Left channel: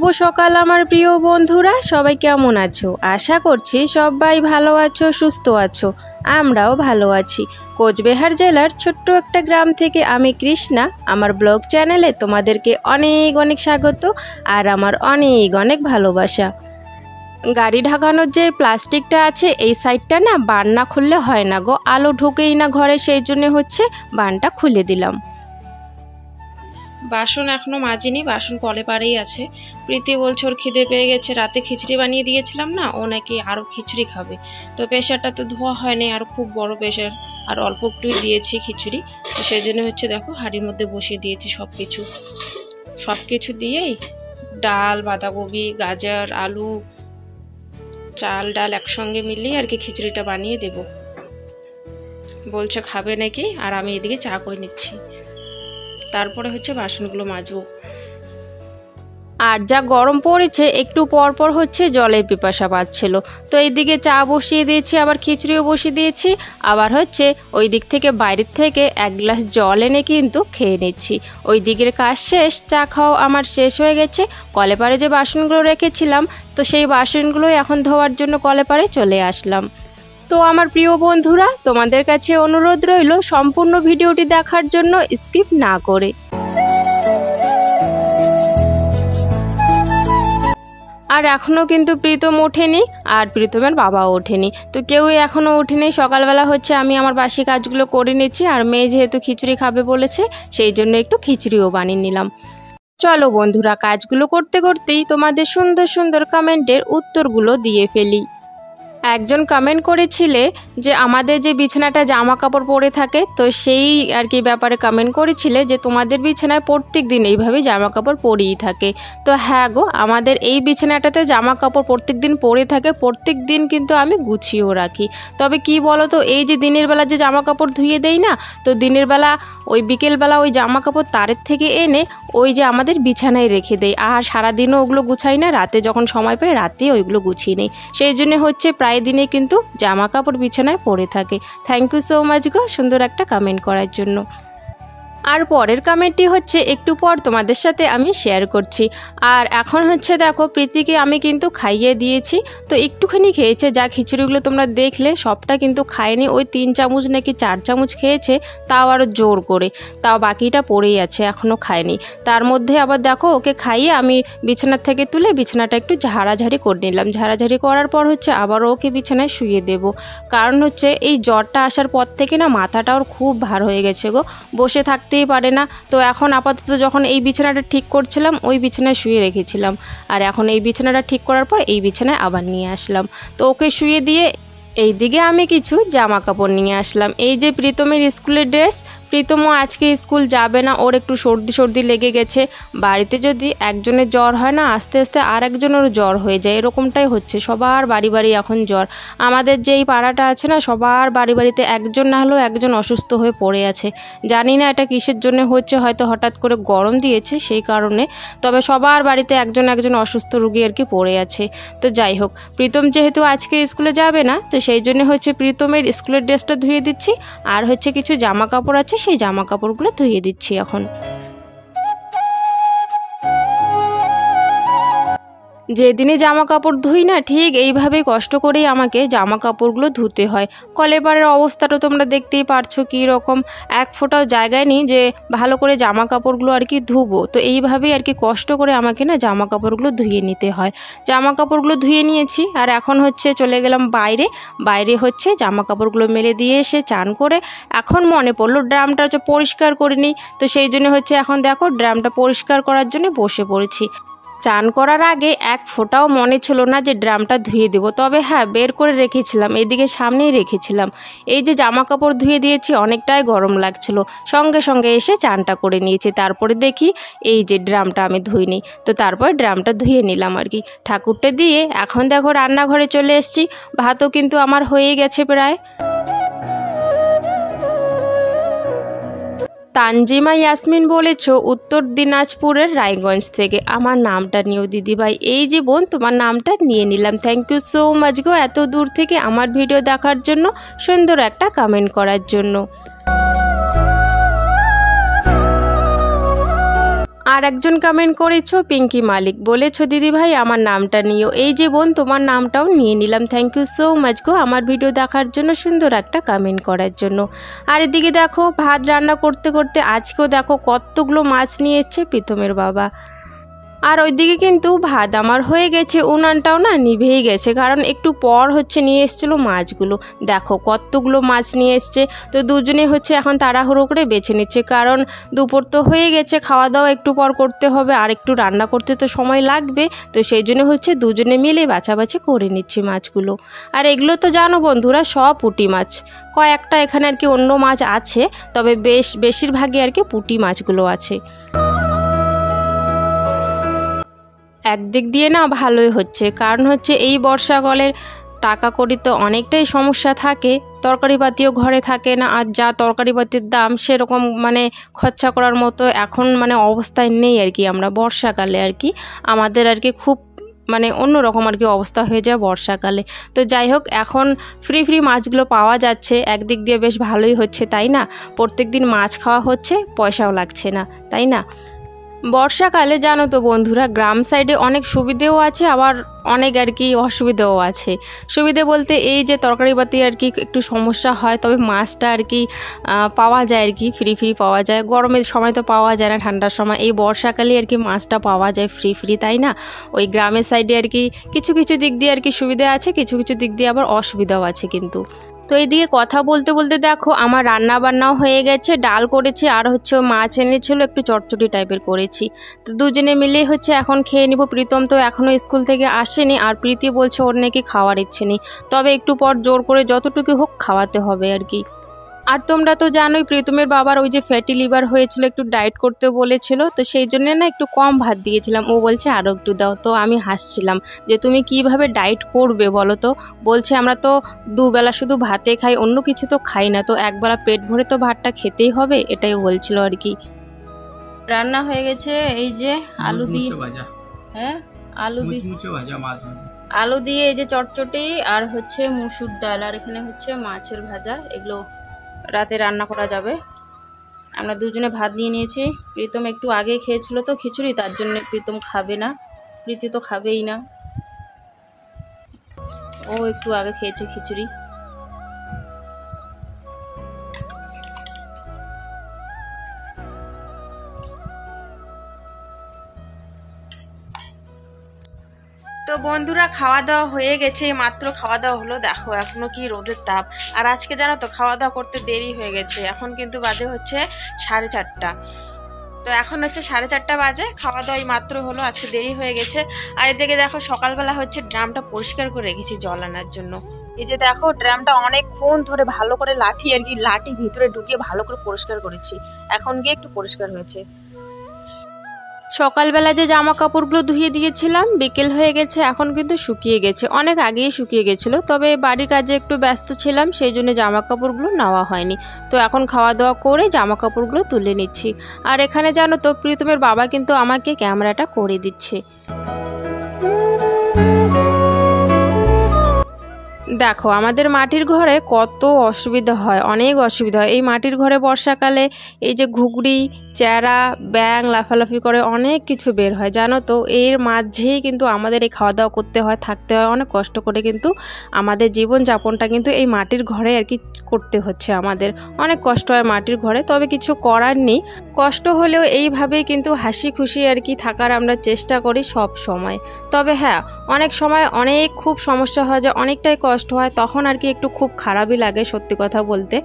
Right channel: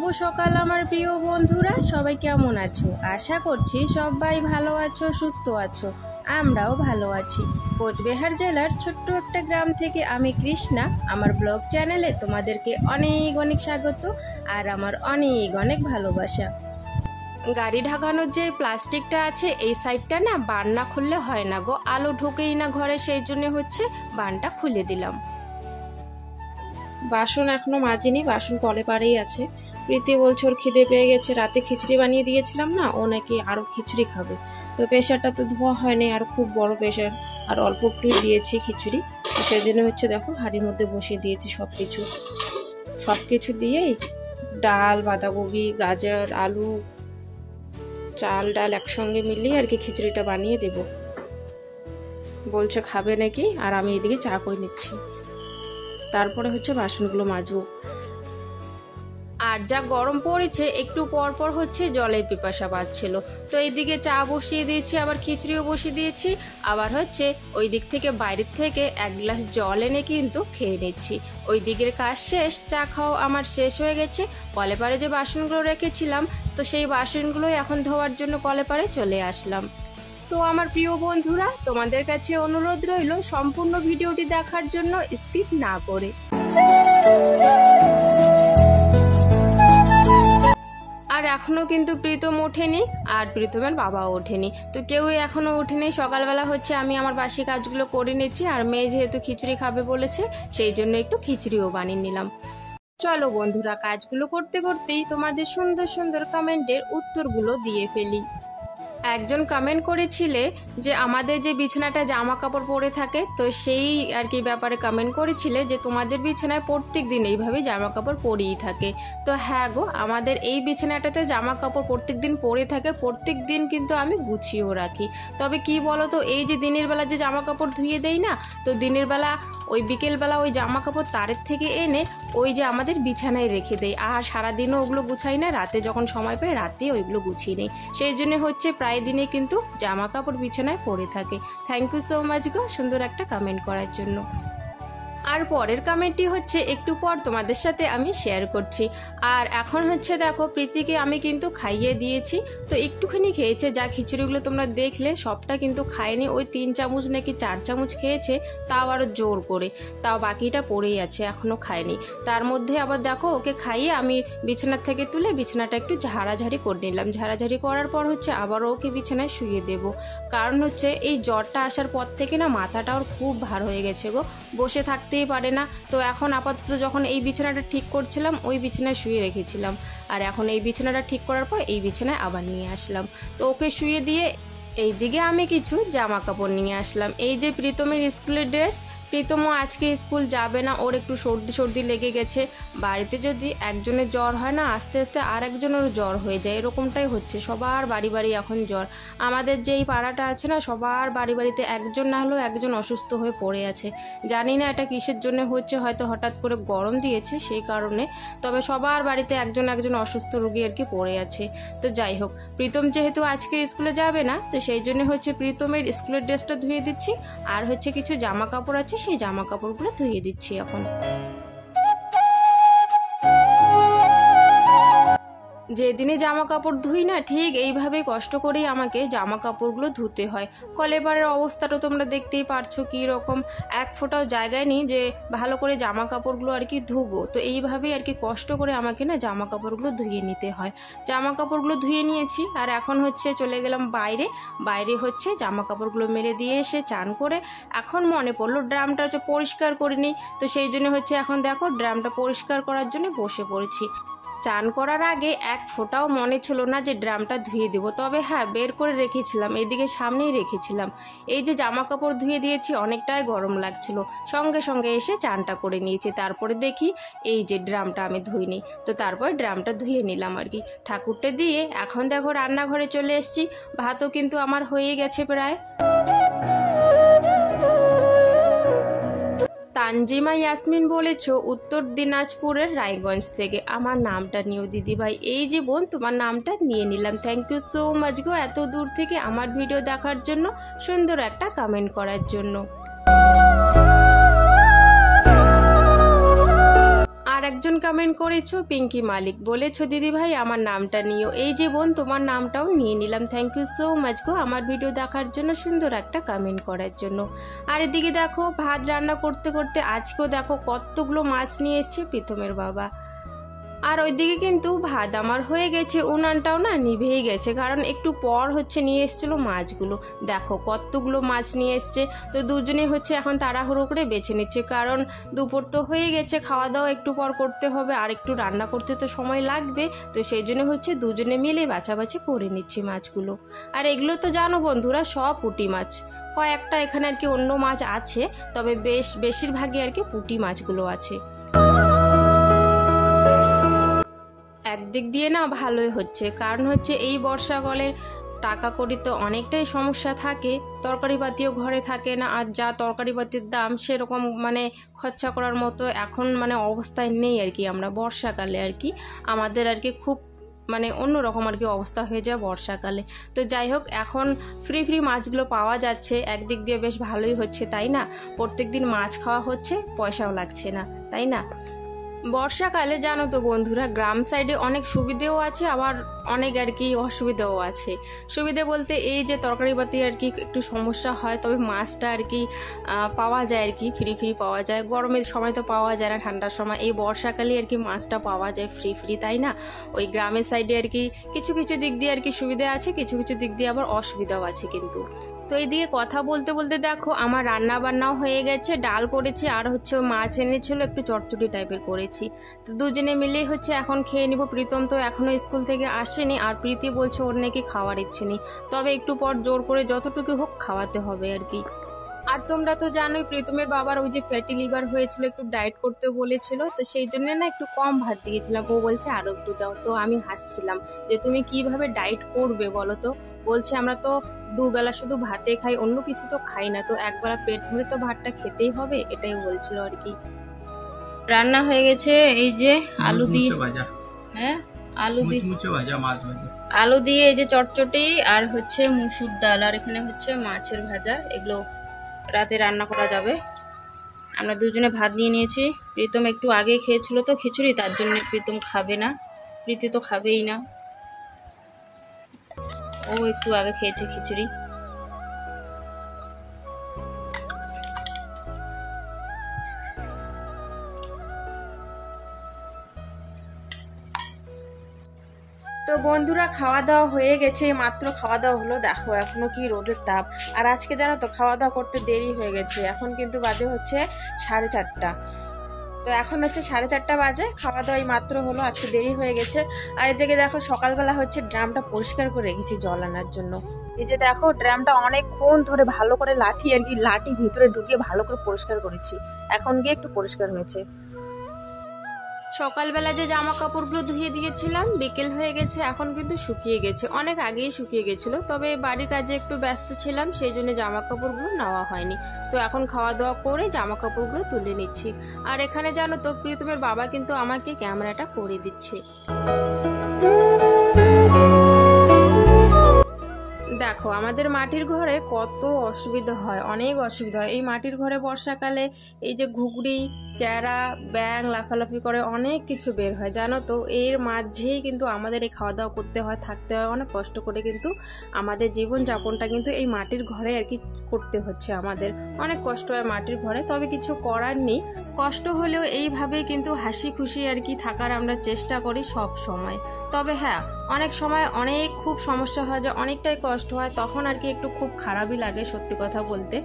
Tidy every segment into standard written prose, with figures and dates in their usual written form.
শুভ সকাল আমার প্রিয় বন্ধুরা, সবাই কেমন আছো? আশা করছি সবাই ভালো আছো, সুস্থ আছো। আমরাও ভালো আছি। কোচবিহার জেলার ছোট্ট একটা গ্রাম থেকে আমি কৃষ্ণা। আমার ব্লগ চ্যানেলে তোমাদেরকে অনেক অনেক স্বাগত আর আমার অনেক অনেক ভালোবাসা। গাড়ি ঢাকানোর যে প্লাস্টিকটা আছে এই সাইডটা না বান না খুললে হয় না গো, আলো ঢুকেই না ঘরে, সেই জন্য হচ্ছে বানটা খুলে দিলাম। বাসন এখনও মাজিনি, বাসন কলে পারেই আছে। প্রীতি বলছে ওর খিদে পেয়ে গেছে, রাতে খিচুড়ি বানিয়ে দিয়েছিলাম না, ও নাকি আরও খিচুড়ি খাবে। তো প্রেশারটা তো ধোয়া হয়নি, আর খুব বড় প্রেশার, আর অল্প একটুই দিয়েছি খিচুড়ি। তো সেই জন্য হচ্ছে দেখো হাঁড়ির মধ্যে বসিয়ে দিয়েছি সব কিছু দিয়েই ডাল, বাঁধাকপি, গাজর, আলু, চাল ডাল একসঙ্গে মিলিয়ে আর কি খিচুড়িটা বানিয়ে দেব। বলছে খাবে নাকি, আর আমি এদিকে চা করে নিচ্ছি। তারপরে হচ্ছে বাসনগুলো মাজবো। আর যা গরম পড়েছে, একটু পর পর হচ্ছে জলের পিপাসা পাচ্ছিল। তো এইদিকে চা বসিয়ে দিয়েছি, আবার খিচুড়িও বসিয়ে দিয়েছি, আবার হচ্ছে ওই দিক থেকে বাইরের থেকে এক গ্লাস জল এনে কিন্তু খেয়ে নিচ্ছি। ওই দিকের কাজ শেষ, চা খাওয়া আমার শেষ হয়ে গেছে। কলে পারে যে বাসনগুলো রেখেছিলাম, তো সেই বাসনগুলোই এখন ধোয়ার জন্য কলে পারে চলে আসলাম। তো আমার প্রিয় বন্ধুরা, তোমাদের কাছে অনুরোধ রইল সম্পূর্ণ ভিডিওটি দেখার জন্য, স্কিপ না করে। আর এখনও কিন্তু প্রীতম ওঠেনি, আর প্রীতমের বাবাও ওঠেনি, তো কেউই এখনও ওঠেনি। সকালবেলা হচ্ছে আমি আমার বাসি কাজগুলো করে নিচ্ছি, আর মেয়ে যেহেতু খিচুড়ি খাবে বলেছে, সেই জন্য একটু খিচুড়িও বানিয়ে নিলাম। চলো বন্ধুরা, কাজগুলো করতে করতেই তোমাদের সুন্দর সুন্দর কমেন্টের উত্তরগুলো দিয়ে ফেলি। একজন কমেন্ট করেছিলে যে আমাদের যে বিছানাটা জামা কাপড় পরে থাকে, তো সেই আর কি ব্যাপারে কমেন্ট করেছিলে যে তোমাদের বিছানায় প্রত্যেক দিন এইভাবেই জামা কাপড় পরেই থাকে। তো হ্যাঁ গো, আমাদের এই বিছানাটাতে জামা কাপড় প্রত্যেক দিন পরে থাকে, প্রত্যেক দিন কিন্তু আমি গুছিয়েও রাখি। তবে কি বলো তো, এই যে দিনের বেলা যে জামা কাপড় ধুয়ে দেই না, তো দিনের বেলা ওই বিকেলবেলা ওই জামা কাপড় তারের থেকে এনে ওই যে আমাদের বিছানায় রেখে দেই, আর সারাদিনও ওগুলো গুছাই না, রাতে যখন সময় পাই রাতে ওইগুলো গুছিয়ে নেই। সেই জন্য হচ্ছে প্রায় দিনে কিন্তু জামা কাপড় বিছানায় পড়ে থাকে। থ্যাংক ইউ সো মাচ গো সুন্দর একটা কমেন্ট করার জন্য। আর পরের কমেন্টটি হচ্ছে একটু পর তোমাদের সাথে আমি শেয়ার করছি। আর এখন হচ্ছে দেখো, প্রীতিকে আমি কিন্তু খাইয়ে দিয়েছি, তো একটুখানি খেয়েছে। যা খিচুড়িগুলো তোমরা দেখলে সবটা কিন্তু খায়নি, ওই 3 চামচ নাকি 4 চামচ খেয়েছে, তাও আরও জোর করে, তাও বাকিটা পড়েই আছে, এখনও খায়নি। তার মধ্যে আবার দেখো ওকে খাইয়ে আমি বিছানার থেকে তুলে বিছানাটা একটু ঝাড়াঝাড়ি করে নিলাম। ঝাড়াঝাড়ি করার পর হচ্ছে আবারও ওকে বিছানায় শুয়ে দেব। কারণ হচ্ছে এই জ্বরটা আসার পর থেকে না মাথাটা ওর খুব ভার হয়ে গেছে গো, বসে থাকতেই পারে না। তো এখন আপাতত যখন এই বিছানাটা ঠিক করছিলাম, ওই বিছানায় শুয়ে রেখেছিলাম, আর এখন এই বিছানাটা ঠিক করার পর এই বিছানায় আবার নিয়ে আসলাম। তো ওকে শুয়ে দিয়ে এইদিকে আমি কিছু জামা কাপড় নিয়ে আসলাম। এই যে প্রীতমের স্কুলের ড্রেস, প্রীতমও আজকে স্কুল যাবে না, ওর একটু সর্দি লেগে গেছে। বাড়িতে যদি একজনের জ্বর হয় না, আস্তে আস্তে আর একজনের জ্বর হয়ে যায়, এরকমটাই হচ্ছে। সবার বাড়ি বাড়ি এখন জ্বর। আমাদের যে এই পাড়াটা আছে না, সবার বাড়ি বাড়িতে একজন না হলেও একজন অসুস্থ হয়ে পড়ে আছে। জানি না এটা কিসের জন্য হচ্ছে, হয়তো হঠাৎ করে গরম দিয়েছে সেই কারণে, তবে সবার বাড়িতে একজন অসুস্থ রোগী আর কি পড়ে আছে। তো যাই হোক, প্রীতম যেহেতু আজকে স্কুলে যাবে না, তো সেই জন্য হচ্ছে প্রীতমের স্কুলের ড্রেসটা ধুয়ে দিচ্ছি, আর হচ্ছে কিছু জামা কাপড় আছে, সেই জামা কাপড়গুলো ধুয়ে দিচ্ছি এখন। যেদিনে জামা কাপড় ধুই না, ঠিক এইভাবেই কষ্ট করেই আমাকে জামা কাপড়গুলো ধুতে হয়। কলের পাড়ের অবস্থাটা তোমরা দেখতেই পারছো কী রকম, এক ফোঁটাও জায়গায় নেই যে ভালো করে জামা কাপড়গুলো আর কি ধুবো। তো এইভাবেই আর কি কষ্ট করে আমাকে না জামা কাপড়গুলো ধুয়ে নিতে হয়। জামা কাপড়গুলো ধুয়ে নিয়েছি, আর এখন হচ্ছে চলে গেলাম বাইরে হচ্ছে জামা কাপড়গুলো মেলে দিয়ে এসে চান করে এখন মনে পড়লো ড্রামটা হচ্ছে পরিষ্কার করে নিই। তো সেই জন্য হচ্ছে এখন দেখো ড্রামটা পরিষ্কার করার জন্য বসে পড়েছি। চান করার আগে এক ফোঁটাও মনে ছিল না যে ড্রামটা ধুয়ে দেবো, তবে হ্যাঁ বের করে রেখেছিলাম, এদিকে সামনেই রেখেছিলাম। এই যে জামা কাপড় ধুয়ে দিয়েছি, অনেকটাই গরম লাগছিল, সঙ্গে সঙ্গে এসে চানটা করে নিয়েছি। তারপরে দেখি এই যে ড্রামটা আমি ধুইনি, তো তারপর ড্রামটা ধুয়ে নিলাম আর কি। ঠাকুরটা দিয়ে এখন দেখো রান্নাঘরে চলে এসেছি। ভাতও কিন্তু আমার হয়ে গেছে প্রায়। তানজিমা ইয়াসমিন বলেছ উত্তর দিনাজপুরের রায়গঞ্জ থেকে। আমার নামটা নিও দিদিভাই। এই যে বোন, তোমার নামটা নিয়ে নিলাম। থ্যাংক ইউ সো মাচ গো, এত দূর থেকে আমার ভিডিও দেখার জন্য, সুন্দর একটা কমেন্ট করার জন্য। আর আর একজন কমেন্ট করেছো পিঙ্কি মালিক, বলেছো দিদি ভাই আমার নামটা নিও। এই যে বোন, তোমার নামটাও নিয়ে নিলাম। থ্যাংক ইউ সো মাচ গো আমার ভিডিও দেখার জন্য, সুন্দর একটা কমেন্ট করার জন্য। আর এদিকে দেখো ভাত রান্না করতে করতে আজকেও দেখো কতগুলো মাছ নিয়ে এসছে প্রীতমের বাবা। আর ওইদিকে কিন্তু ভাত আমার হয়ে গেছে, উনানটাও না নিভেই গেছে, কারণ একটু পর নিয়ে এসেছিলো মাছগুলো। দেখো কতগুলো মাছ নিয়ে এসছে। তো দুজনে এখন তাড়াহুড়ো করে বেছে নিচ্ছে, কারণ দুপুর তো হয়ে গেছে, খাওয়া দাওয়া একটু পর করতে হবে, আর একটু রান্না করতে তো সময় লাগবে। তো সেই জন্য দুজনে মিলে বাছাবাছি করে নিচ্ছি মাছগুলো। আর এগুলো তো জানো বন্ধুরা সব পুঁটি মাছ, কয়েকটা এখানে আর কি অন্য মাছ আছে, তবে বেশিরভাগই আর কি পুঁটি মাছগুলো আছে। একদিক দিয়ে না ভালোই হচ্ছে, কারণ এই বর্ষাকালের টাকা কড়ি তো অনেকটাই সমস্যা থাকে, তরকারিপাতিও ঘরে থাকে না, আর যা তরকারিপাতির দাম সেরকম খরচা করার মতো এখন অবস্থায় নেই আর কি। আমরা বর্ষাকালে আর কি আমাদের আর কি খুব অন্যরকম আর কি অবস্থা হয়ে যায় বর্ষাকালে। তো যাই হোক, এখন ফ্রি মাছগুলো পাওয়া যাচ্ছে, একদিক দিয়ে বেশ ভালোই হচ্ছে, তাই না? প্রত্যেক দিন মাছ খাওয়া হচ্ছে, পয়সাও লাগছে না, তাই না? বর্ষাকালে জানো তো বন্ধুরা গ্রাম সাইডে অনেক সুবিধেও আছে, আবার অনেক আর কি অসুবিধাও আছে। সুবিধে বলতে এই যে তরকারিপাতি আর কি একটু সমস্যা হয়, তবে মাছটা আর কি পাওয়া যায় আর কি ফ্রি পাওয়া যায়। গরমের সময় তো পাওয়া যায় না, ঠান্ডার সময়, এই বর্ষাকালে আর কি মাছটা পাওয়া যায় ফ্রি, তাই না? ওই গ্রামের সাইডে আর কি কিছু দিক দিয়ে আর কি সুবিধা আছে, কিছু দিক দিয়ে আবার অসুবিধাও আছে কিন্তু। তো এইদিকে কথা বলতে বলতে দেখো আমার রান্না বান্নাও হয়ে গেছে, ডাল করেছি, আর মাছ এনেছিল একটু চটচটি টাইপের করেছি। তো দুজনে মিলে এখন খেয়ে নিব। প্রীতম তো এখনও স্কুল থেকে আসেনি, আর প্রীতি বলছে ওর নাকি খাওয়ার ইচ্ছে নেই, তবে একটু পর জোর করে যতটুকু হোক খাওয়াতে হবে আর কি। আর তোমরা তো জানোই প্রীতমের বাবার ওই যে ফ্যাটি লিভার হয়েছিল, একটু ডায়েট করতে বলেছিল, তো সেই জন্য না একটু কম ভাত দিয়েছিলাম। ও বলছে আরও একটু দাও, তো আমি হাসছিলাম যে তুমি কিভাবে ডায়েট করবে বলো তো। বলছে আমরা তো দুবেলা শুধু ভাতে খাই, অন্য কিছু তো খাই না, তো একবেলা পেট ভরে তো ভাতটা খেতেই হবে, এটাই বলছিল আর কি। রান্না হয়ে গেছে, এই যে আলু দিয়ে, হ্যাঁ আলু দিয়ে এই যে চটচটি, আর মুসুর ডাল, আর এখানে মাছের ভাজা। এগুলো রাতে রান্না করা যাবে। আমরা দুজনে ভাত নিয়ে নিয়েছি। প্রীতম একটু আগে খেয়েছিল তো খিচুড়ি, তার জন্য প্রীতম খাবে না, প্রীতি তো খাবেই না, ও একটু আগে খেয়েছে খিচুড়ি। তো বন্ধুরা খাওয়া দাওয়া হয়ে গেছে, মাত্র খাওয়া দাওয়া হলো। দেখো এখনো কি রোদের তাপ, আর আজকে জানো তো খাওয়া দাওয়া করতে দেরি হয়ে গেছে। এখন কিন্তু বাজে 4:30। তো এখন 4:30 বাজে, খাওয়া দাওয়া মাত্র হলো, আজকে দেরি হয়ে গেছে। আর এদিকে দেখো সকালবেলা ড্রামটা পরিষ্কার করে রেখেছি জল আনার জন্য। এই যে দেখো ড্রামটা অনেকক্ষণ ধরে ভালো করে লাঠি ভিতরে ঢুকিয়ে ভালো করে পরিষ্কার করেছি, এখন গিয়ে একটু পরিষ্কার হয়েছে। সকালবেলা যে জামা কাপড়গুলো ধুয়ে দিয়েছিলাম বিকেল হয়ে গেছে, এখন কিন্তু শুকিয়ে গেছে, অনেক আগেই শুকিয়ে গেছিলো, তবে বাড়ির কাজে একটু ব্যস্ত ছিলাম, সেই জন্য জামা কাপড়গুলো নেওয়া হয়নি। তো এখন খাওয়া দাওয়া করে জামা কাপড়গুলো তুলে নিচ্ছি। আর এখানে জানো তো প্রীতমের বাবা কিন্তু আমাকে ক্যামেরাটা করে দিচ্ছে। দেখো আমাদের মাটির ঘরে কত অসুবিধা হয়, অনেক অসুবিধা হয় এই মাটির ঘরে বর্ষাকালে। এই যে ঘুগড়ি, চেরা, ব্যাং লাফালাফি করে অনেক কিছু বের হয় জানো তো। এর মাঝেই কিন্তু আমাদের এই খাওয়া দাওয়া করতে হয়, থাকতে হয়, অনেক কষ্ট করে কিন্তু আমাদের জীবনযাপনটা কিন্তু এই মাটির ঘরে আর কি করতে হচ্ছে। আমাদের অনেক কষ্ট হয় মাটির ঘরে, তবে কিছু করার নেই। কষ্ট হলেও এইভাবেই কিন্তু হাসি খুশি আর কি থাকার আমরা চেষ্টা করি সব সময়। তবে হ্যাঁ, অনেক সময় খুব সমস্যা হয়, যে অনেকটাই কষ্ট হয়, তখন আর কি একটু খুব খারাপই লাগে সত্যি কথা বলতে।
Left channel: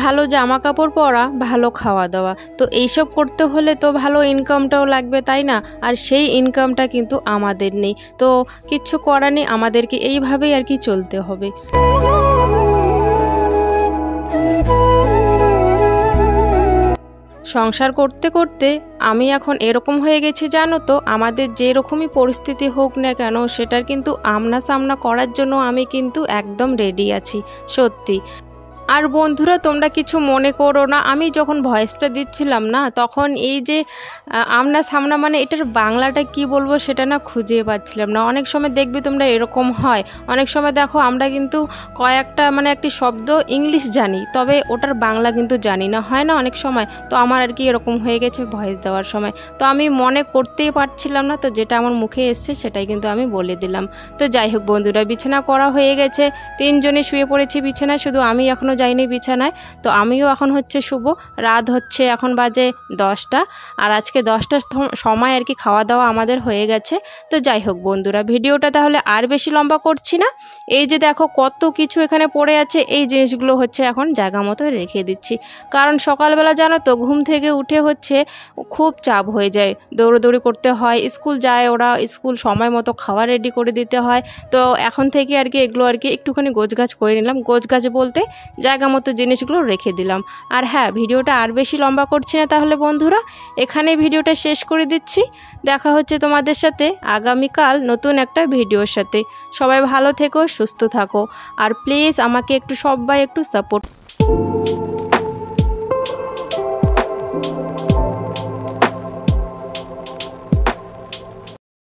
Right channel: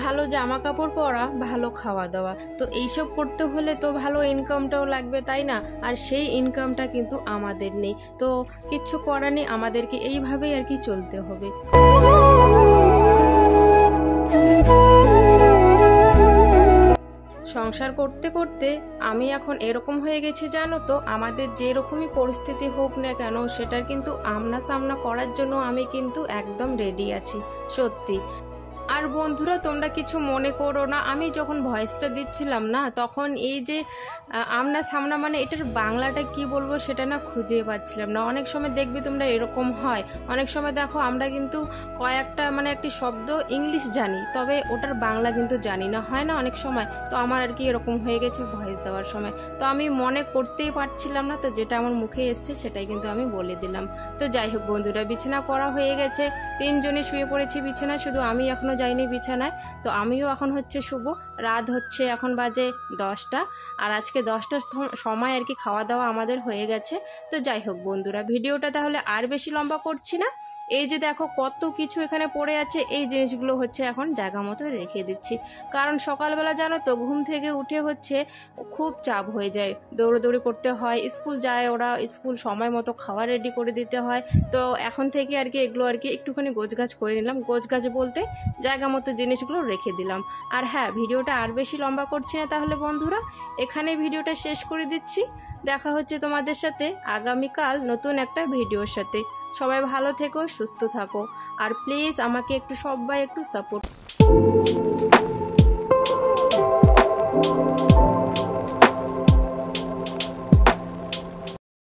ভালো জামা কাপড় পরা, ভালো খাওয়া দাওয়া, তো এইসব করতে হলে তো ভালো ইনকামটাও লাগবে, তাই না? আর সেই ইনকামটা কিন্তু আমাদের নেই, তো কিচ্ছু করার নেই, আমাদেরকে এইভাবেই আর কি চলতে হবে। সংসার করতে করতে আমি এখন এরকম হয়ে গেছি জানো তো, আমাদের যেরকমই পরিস্থিতি হোক না কেন সেটার কিন্তু আমনা সামনা করার জন্য আমি কিন্তু একদম রেডি আছি সত্যি। আর বন্ধুরা তোমরা কিছু মনে করো না, আমি যখন ভয়েসটা দিচ্ছিলাম না তখন এই যে আমনা সামনা মানে এটার বাংলাটা কি বলবো সেটা না খুঁজে পাচ্ছিলাম না। অনেক সময় দেখবি তোমরা এরকম হয়, অনেক সময় দেখো আমরা কিন্তু কয়েকটা মানে একটি শব্দ ইংলিশ জানি তবে ওটার বাংলা কিন্তু জানি না, হয় না অনেক সময়। তো আমার আর কি এরকম হয়ে গেছে ভয়েস দেওয়ার সময়, তো আমি মনে করতেই পারছিলাম না, তো যেটা আমার মুখে এসছে সেটাই কিন্তু আমি বলে দিলাম। তো যাই হোক বন্ধুরা, বিছানা করা হয়ে গেছে, 3 জনে শুয়ে পড়েছি বিছানায়, শুধু আমি এখনও যাইনি বিছানায়। তো আমিও এখন হচ্ছে শুভ, রাত হচ্ছে এখন বাজে 10টা, আর আজকে 10টার সময় আর কি খাওয়া দাওয়া আমাদের হয়ে গেছে। তো যাই হোক বন্ধুরা, ভিডিওটা তাহলে আর বেশি লম্বা করছি না। এই যে দেখো কত কিছু এখানে পড়ে আছে, এই জিনিসগুলো হচ্ছে এখন জায়গা মতো রেখে দিচ্ছি, কারণ সকালবেলা জানো তো ঘুম থেকে উঠে হচ্ছে খুব চাপ হয়ে যায়, দৌড়োদৌড়ি করতে হয়, স্কুল যায় ওরা, স্কুল সময় মতো খাওয়া রেডি করে দিতে হয়। তো এখন থেকে আর কি এগুলো আর কি একটুখানি গোছগাছ করে নিলাম, গোছগাছ বলতে জায়গা মতো জিনিসগুলো রেখে দিলাম। আর হ্যাঁ, ভিডিওটা আর বেশি লম্বা করছি না তাহলে বন্ধুরা, এখানে ভিডিওটা শেষ করে দিচ্ছি। দেখা হচ্ছে তোমাদের সাথে আগামীকাল নতুন একটা ভিডিওর সাথে। সবাই ভালো থেকো, সুস্থ থাকো, আর প্লিজ আমাকে একটু সবাই একটু সাপোর্ট।